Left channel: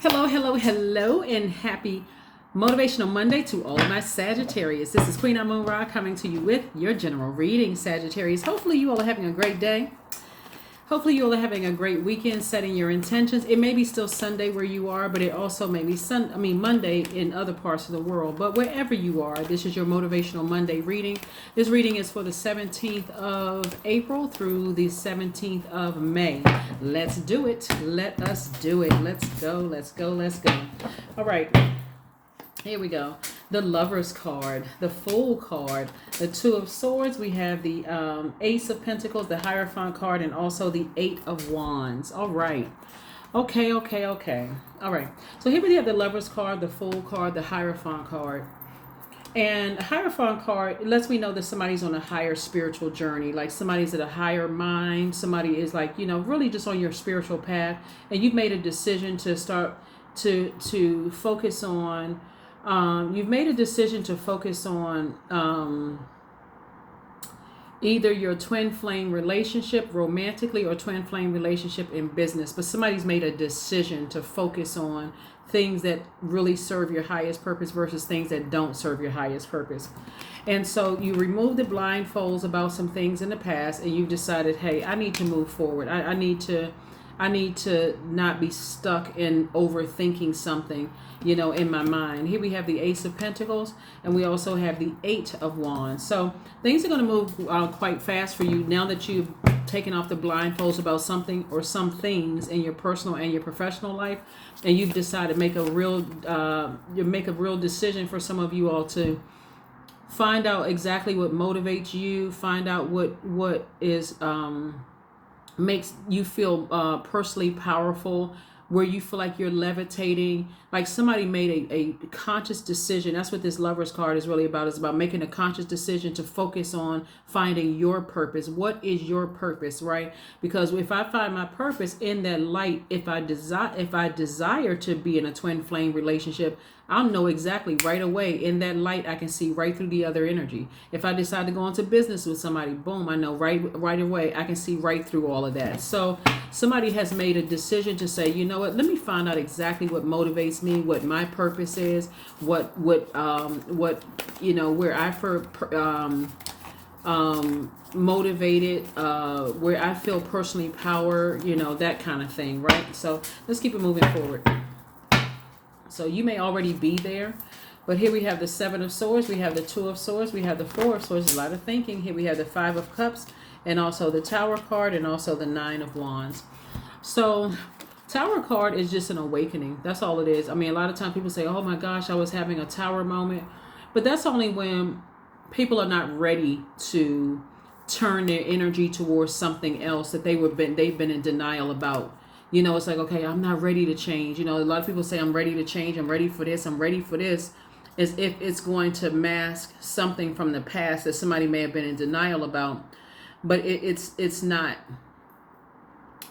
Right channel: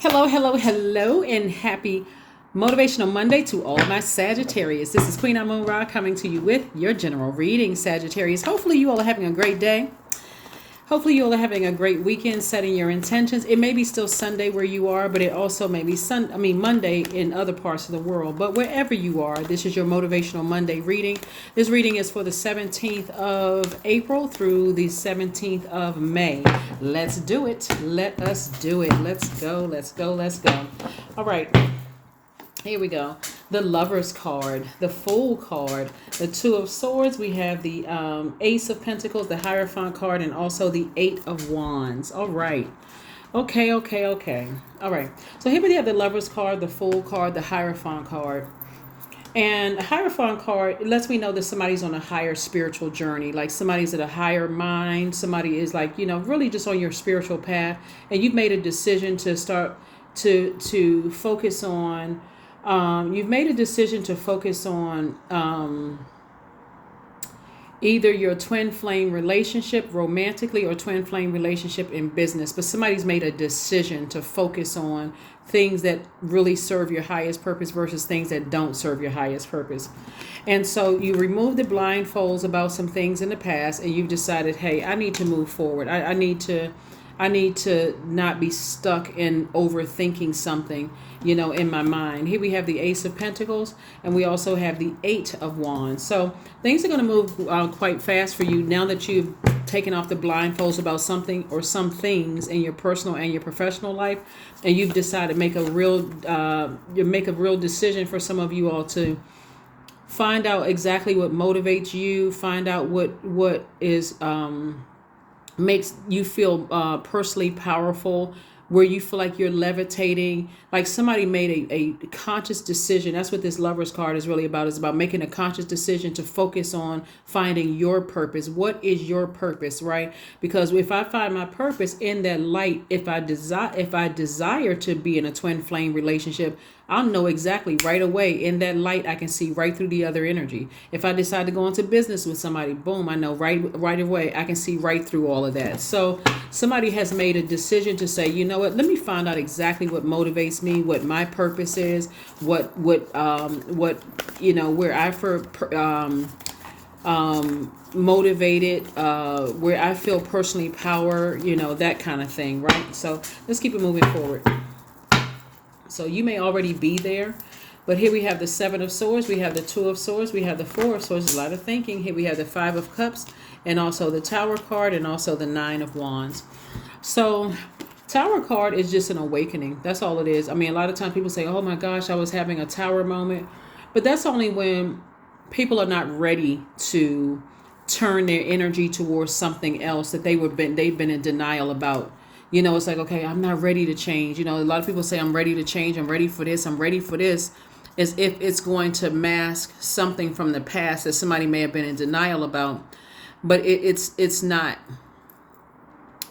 Hello, hello, hello, and happy Motivational Monday to all my Sagittarius. This is Queen Moon Ra coming to you with your general reading, Sagittarius. Hopefully, you all are having a great day. Hopefully, you all are having a great weekend, setting your intentions. It may be still Sunday where you are, but it also may be Monday in other parts of the world. But wherever you are, this is your Motivational Monday reading. This reading is for the 17th of April through the 17th of May. Let's do it. Let us do it. Let's go. Let's go. Let's go. All right. Here we go. The Lover's card, the Fool card, the Two of Swords. We have the Ace of Pentacles, the Hierophant card, and also the Eight of Wands. All right. Okay. All right. So here we have the Lover's card, the Fool card, the Hierophant card. And the Hierophant card lets me know that somebody's on a higher spiritual journey, like somebody's at a higher mind. Somebody is like, really just on your spiritual path. And you've made a decision to start to focus on you've made a decision to focus on either your twin flame relationship romantically or twin flame relationship in business. But somebody's made a decision to focus on things that really serve your highest purpose versus things that don't serve your highest purpose. And so you remove the blindfolds about some things in the past and you've decided, hey, I need to move forward. I need to not be stuck in overthinking something, in my mind. Here we have the Ace of Pentacles, and we also have the Eight of Wands. So things are going to move quite fast for you now that you've taken off the blindfolds about something or some things in your personal and your professional life, and you've decided to make a real decision for some of you all to find out exactly what motivates you, find out what is makes you feel personally powerful, where you feel like you're levitating, like somebody made a conscious decision. That's what this Lover's card is really about. It's about making a conscious decision to focus on finding your purpose. What is your purpose, right? Because if I find my purpose in that light, if I desire to be in a twin flame relationship, I'll know exactly right away in that light. I can see right through the other energy. If I decide to go into business with somebody, boom, I know right away. I can see right through all of that. So somebody has made a decision to say, you know what? Let me find out exactly what motivates me, what my purpose is, what where I motivated, where I feel personally power, that kind of thing, right? So let's keep it moving forward. So you may already be there, but here we have the Seven of Swords, we have the Two of Swords, we have the Four of Swords, a lot of thinking. Here we have the Five of Cups, and also the Tower card, and also the Nine of Wands. So Tower card is just an awakening. That's all it is. I mean, a lot of times people say, oh my gosh, I was having a Tower moment. But that's only when people are not ready to turn their energy towards something else that they've been in denial about. It's like, okay, I'm not ready to change. A lot of people say, I'm ready to change. I'm ready for this. I'm ready for this. As if it's going to mask something from the past that somebody may have been in denial about. But it's not.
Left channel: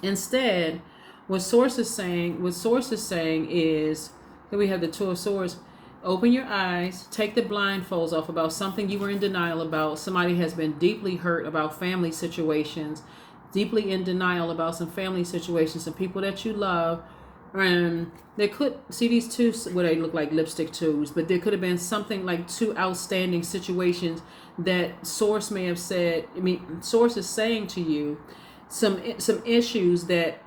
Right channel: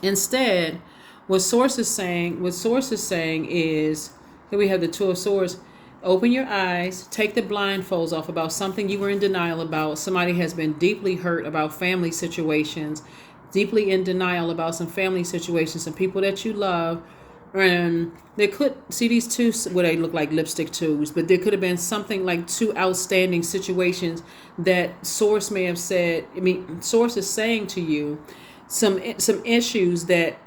Instead, what Source is saying is, here we have the Two of Swords. Open your eyes, take the blindfolds off about something you were in denial about. Somebody has been deeply hurt about family situations, deeply in denial about some family situations, some people that you love. And there could see these two, what they look like lipstick tubes, but there could have been something like two outstanding situations that Source may have said. Source is saying to you some issues that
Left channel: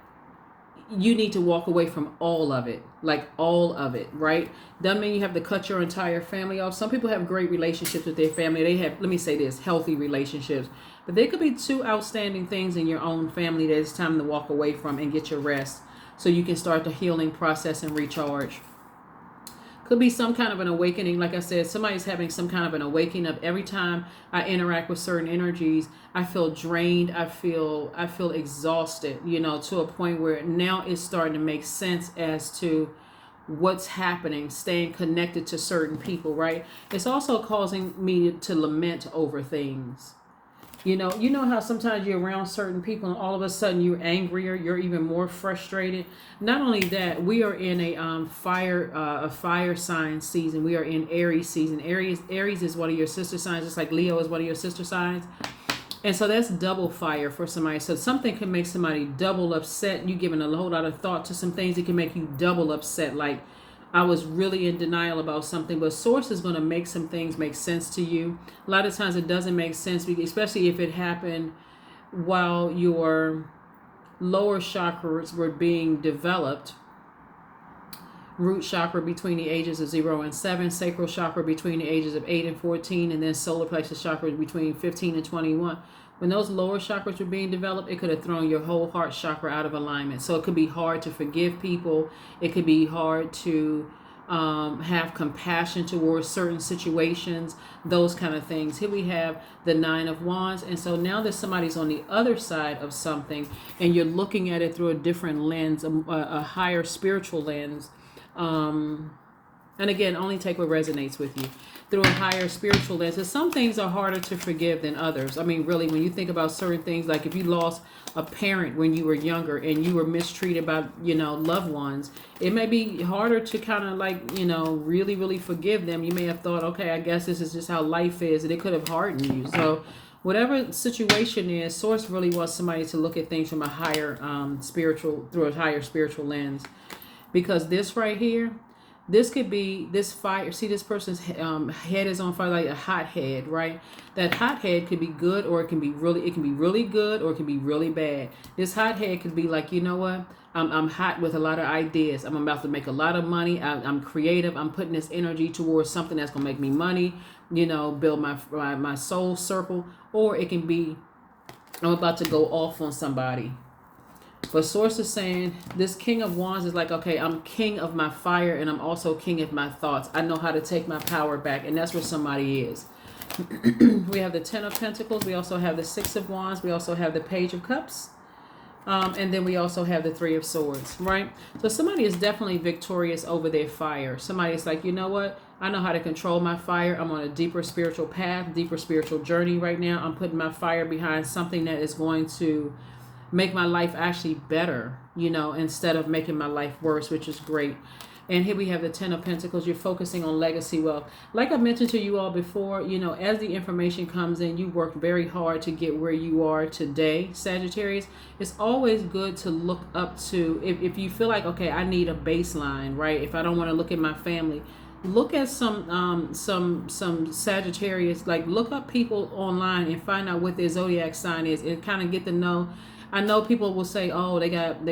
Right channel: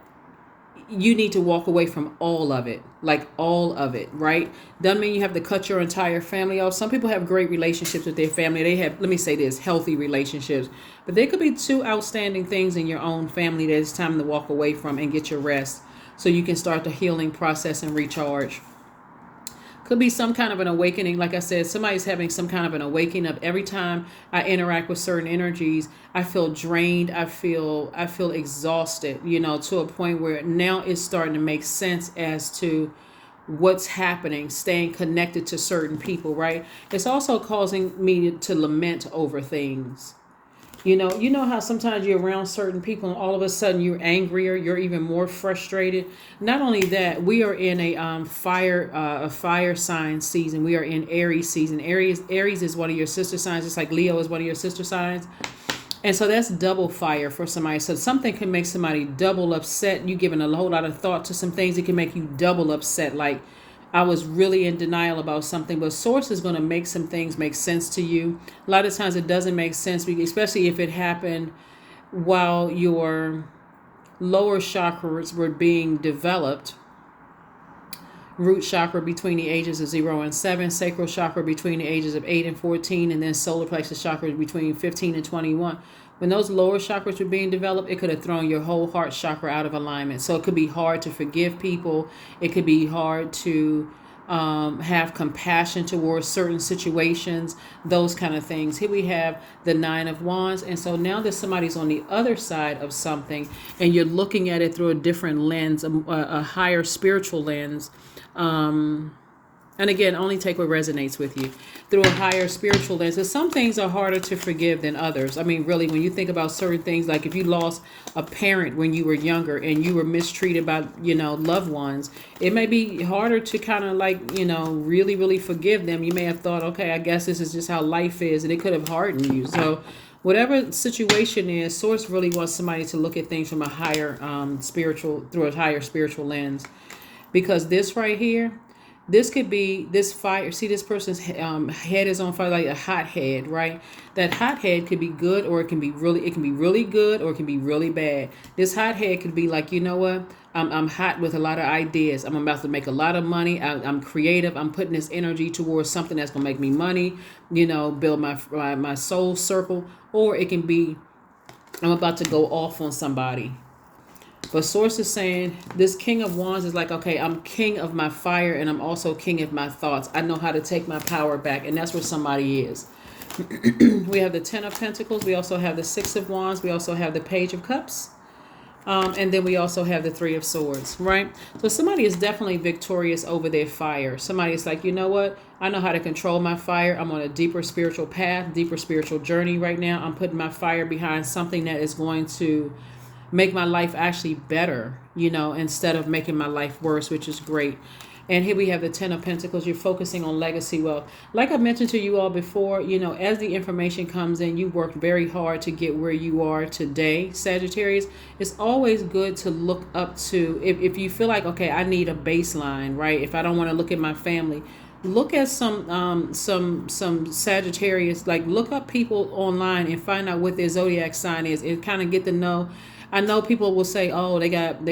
you need to walk away from all of it, right? Doesn't mean you have to cut your entire family off. Some people have great relationships with their family. They have, let me say this, healthy relationships. But there could be two outstanding things in your own family that it's time to walk away from and get your rest so you can start the healing process and recharge. Could be some kind of an awakening. Like I said, somebody's having some kind of an awakening of every time I interact with certain energies, I feel drained. I feel exhausted, to a point where now it's starting to make sense as to what's happening, staying connected to certain people, right? It's also causing me to lament over things. You know how sometimes you're around certain people and all of a sudden you're angrier, you're even more frustrated. Not only that, we are in a fire sign season. We are in Aries season. Aries is one of your sister signs. It's like Leo is one of your sister signs. And so that's double fire for somebody. So something can make somebody double upset. You giving a whole lot of thought to some things. It can make you double upset. Like, I was really in denial about something, but source is going to make some things make sense to you. A lot of times it doesn't make sense, especially if it happened while your lower chakras were being developed. Root chakra between the ages of 0 and 7, sacral chakra between the ages of 8 and 14, and then solar plexus chakra between 15 and 21. When those lower chakras were being developed, it could have thrown your whole heart chakra out of alignment. So it could be hard to forgive people. It could be hard to have compassion towards certain situations, those kind of things. Here we have the 9 of Wands. And so now that somebody's on the other side of something and you're looking at it through a different lens, a higher spiritual lens, and again, only take what resonates with you, through a higher spiritual lens. So some things are harder to forgive than others. I mean, really, when you think about certain things, like if you lost a parent when you were younger and you were mistreated by, loved ones, it may be harder to kind of really, really forgive them. You may have thought, okay, I guess this is just how life is, and it could have hardened you. So whatever situation is, Source really wants somebody to look at things from a higher through a higher spiritual lens. Because this right here, this could be this fire. See, this person's head is on fire, like a hot head, right? That hot head could be good, or it can be really good, or it can be really bad. This hot head could be like, you know what? I'm hot with a lot of ideas. I'm about to make a lot of money. I'm creative. I'm putting this energy towards something that's gonna make me money. Build my soul circle. Or it can be, I'm about to go off on somebody. But Source is saying this King of Wands is like, okay, I'm king of my fire, and I'm also king of my thoughts. I know how to take my power back, and that's where somebody is. We have the 10 of Pentacles. We also have the 6 of Wands. We also have the Page of Cups. And then we also have the 3 of Swords, right? So somebody is definitely victorious over their fire. Somebody is like, you know what? I know how to control my fire. I'm on a deeper spiritual path, deeper spiritual journey right now. I'm putting my fire behind something that is going to make my life actually better, instead of making my life worse, which is great. And here we have the 10 of Pentacles. You're focusing on legacy wealth. Like I mentioned to you all before, as the information comes in, you worked very hard to get where you are today, Sagittarius. It's always good to look up to, if you feel like, okay, I need a baseline, right? If I don't want to look at my family, look at some Sagittarius, like look up people online and find out what their zodiac sign is, and kind of get to know. I know people will say, oh, they got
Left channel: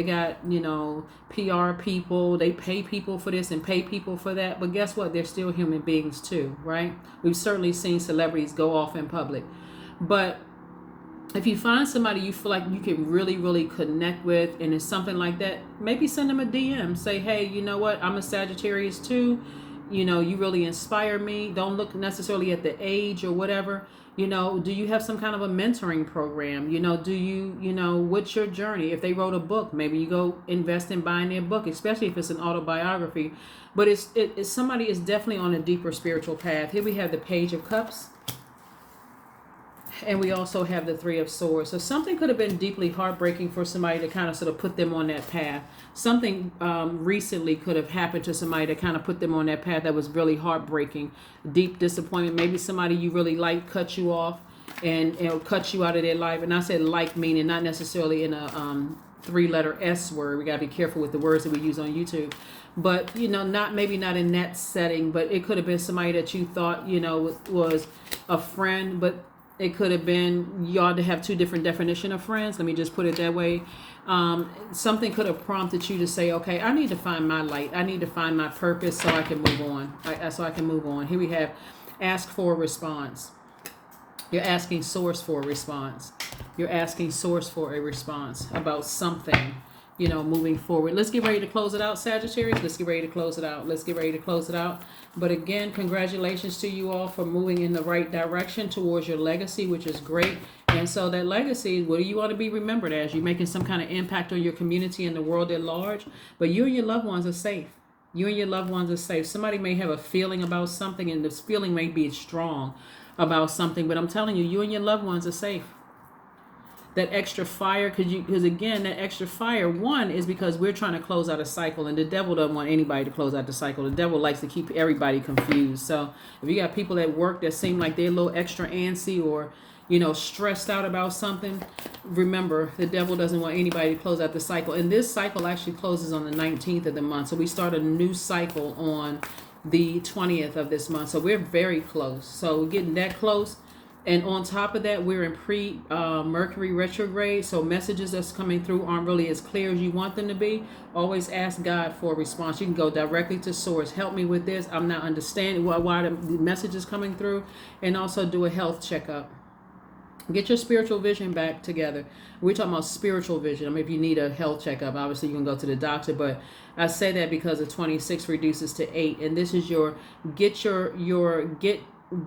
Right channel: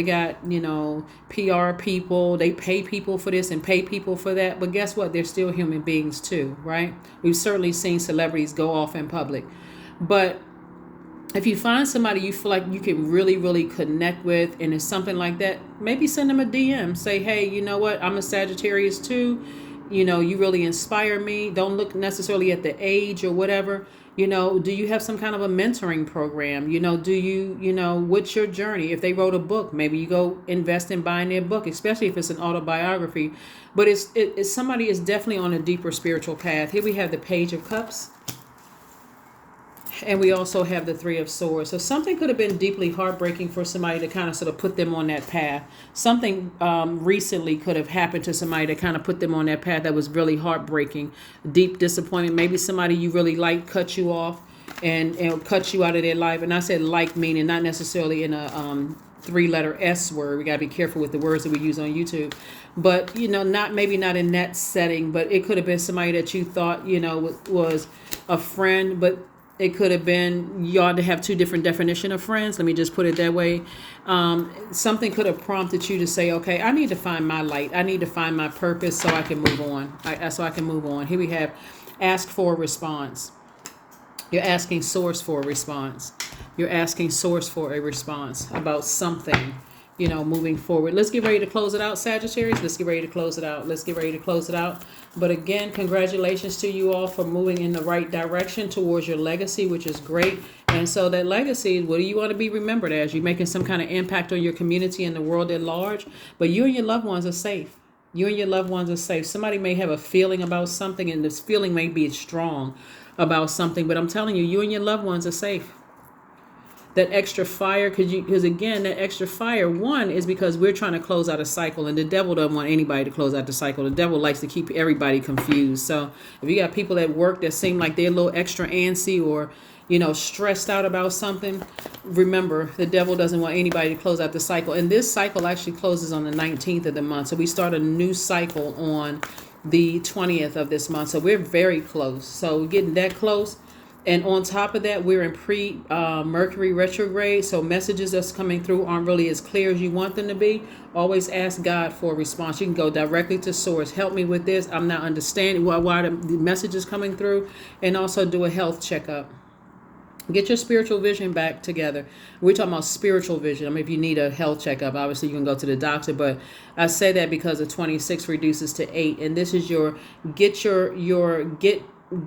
PR people, they pay people for this and pay people for that. But guess what? They're still human beings too, right? We've certainly seen celebrities go off in public. But if you find somebody you feel like you can really, really connect with, and it's something like that, maybe send them a DM. Say, hey, you know what? I'm a Sagittarius too. You really inspire me. Don't look necessarily at the age or whatever. Do you have some kind of a mentoring program? Do you, what's your journey? If they wrote a book, maybe you go invest in buying their book, especially if it's an autobiography. But it's somebody is definitely on a deeper spiritual path. Here we have the Page of Cups. And we also have the 3 of Swords. So something could have been deeply heartbreaking for somebody to kind of sort of put them on that path. Something recently could have happened to somebody to kind of put them on that path that was really heartbreaking. Deep disappointment. Maybe somebody you really like cut you off and cut you out of their life. And I said like meaning not necessarily in a 3-letter S word. We got to be careful with the words that we use on YouTube. But, not in that setting. But it could have been somebody that you thought, was a friend. But it could have been, you ought to have 2 different definitions of friends. Let me just put it that way. Something could have prompted you to say, okay, I need to find my light. I need to find my purpose so I can move on. Here we have ask for a response. You're asking Source for a response. You're asking Source for a response about something, moving forward. Let's get ready to close it out, Sagittarius. Let's get ready to close it out. But again, congratulations to you all for moving in the right direction towards your legacy, which is great. And so that legacy, what do you want to be remembered as? You're making some kind of impact on your community and the world at large, but you and your loved ones are safe. Somebody may have a feeling about something, and this feeling may be strong about something, but I'm telling you, you and your loved ones are safe. That extra fire, because again, that extra fire, one is because we're trying to close out a cycle, and the devil doesn't want anybody to close out the cycle. The devil likes to keep everybody confused. So if you got people at work that seem like they're a little extra antsy, or stressed out about something, remember, the devil doesn't want anybody to close out the cycle. And this cycle actually closes on the 19th of the month. So we start a new cycle on the 20th of this month. So we're very close. So we're getting that close. And on top of that, we're in pre-Mercury retrograde. So messages that's coming through aren't really as clear as you want them to be. Always ask God for a response. You can go directly to source. Help me with this. I'm not understanding why the message is coming through. And also do a health checkup. Get your spiritual vision back together. We're talking about spiritual vision. I mean, if you need a health checkup, obviously you can go to the doctor. But I say that because the 26 reduces to 8. And this is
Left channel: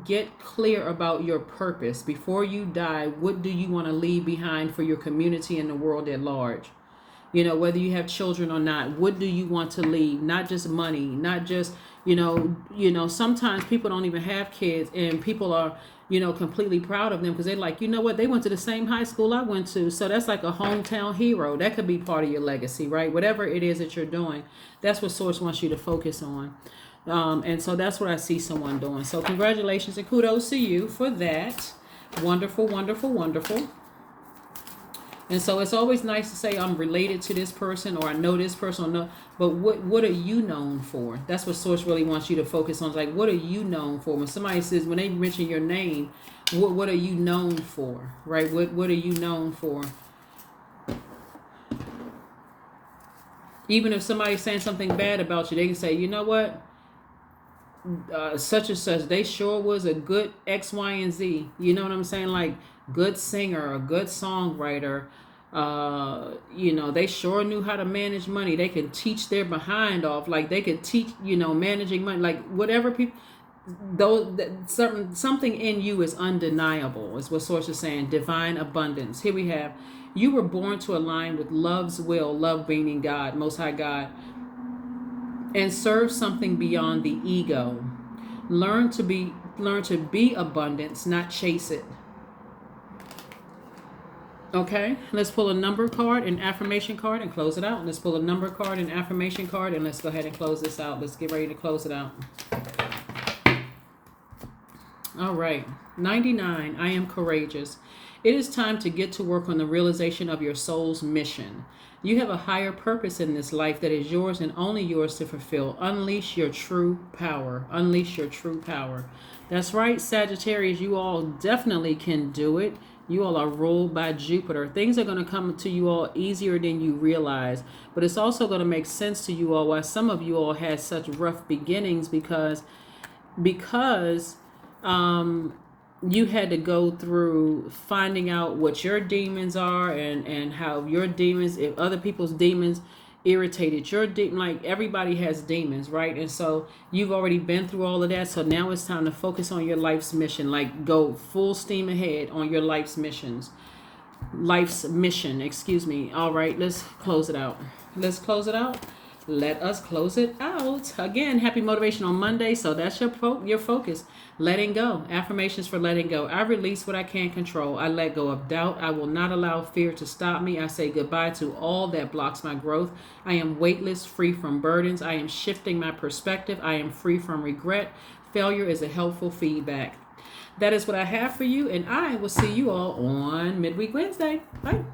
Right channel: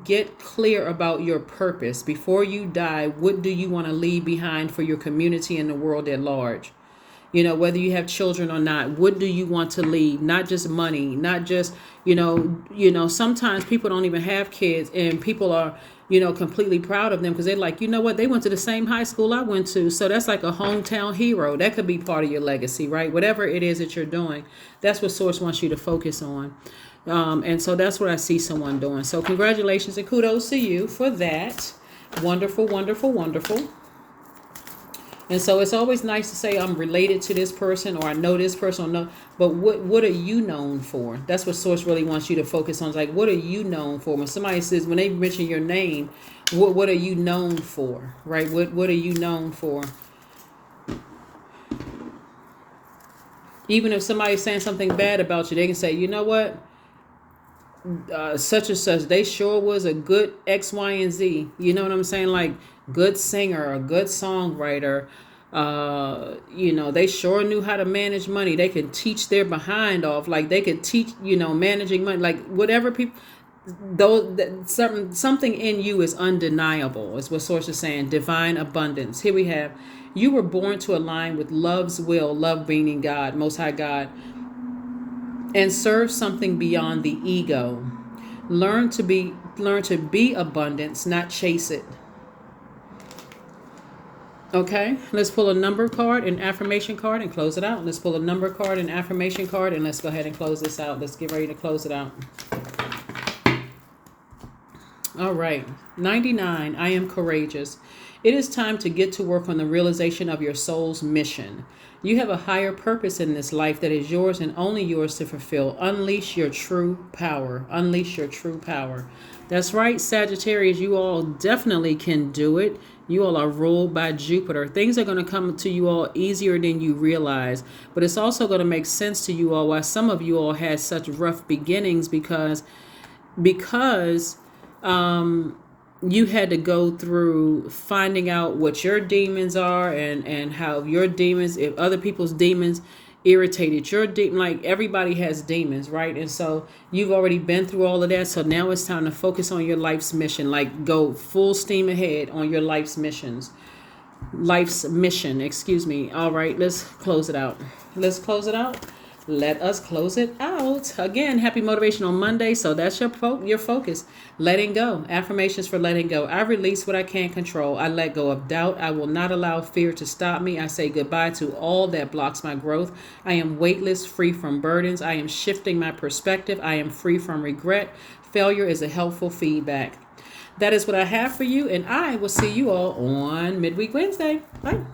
get clear about your purpose. Before you die, what do you want to leave behind for your community and the world at large? Whether you have children or not, what do you want to leave? Not just money, not just, sometimes people don't even have kids and people are, completely proud of them because they're like, what? They went to the same high school I went to. So that's like a hometown hero. That could be part of your legacy, right? Whatever it is that you're doing, that's what Source wants you to focus on. And so that's what I see someone doing. So congratulations and kudos to you for that. Wonderful, wonderful, wonderful. And so it's always nice to say I'm related to this person or I know this person or no. But what are you known for? That's what Source really wants you to focus on. It's like, what are you known for? When somebody says, when they mention your name, what are you known for? Right? What are you known for? Even if somebody's saying something bad about you, they can say, you know what? Such and such, they sure was a good X, Y, and Z. You know what I'm saying? Like good singer, a good songwriter. They sure knew how to manage money. They could teach their behind off. Like they could teach, managing money. Like whatever people, something in you is undeniable. Is what Source is saying. Divine abundance. Here we have, you were born to align with love's will. Love meaning God, Most High God. And serve something beyond the ego. Learn to be abundance, not chase it. Okay, let's pull a number card, an affirmation card, and close it out. Let's pull a number card, an affirmation card, and let's go ahead and close this out. Let's get ready to close it out. All right, 99, I am courageous. It is time to get to work on the realization of your soul's mission. You have a higher purpose in this life that is yours and only yours to fulfill. Unleash your true power. Unleash your true power. That's right, Sagittarius. You all definitely can do it. You all are ruled by Jupiter. Things are going to come to you all easier than you realize. But it's also going to make sense to you all why some of you all had such rough beginnings because you had to go through finding out what your demons are and how your demons, if other people's demons irritated your demon. Like everybody has demons, right? And so you've already been through all of that. So now it's time to focus on your life's mission. Like go full steam ahead on your life's mission. All right, let's close it out. Let us close it out. Again, happy Motivational Monday. So that's your focus. Letting go. Affirmations for letting go. I release what I can't control. I let go of doubt. I will not allow fear to stop me. I say goodbye to all that blocks my growth. I am weightless, free from burdens. I am shifting my perspective. I am free from regret. Failure is a helpful feedback. That is what I have for you, and I will see you all on Midweek Wednesday. Bye.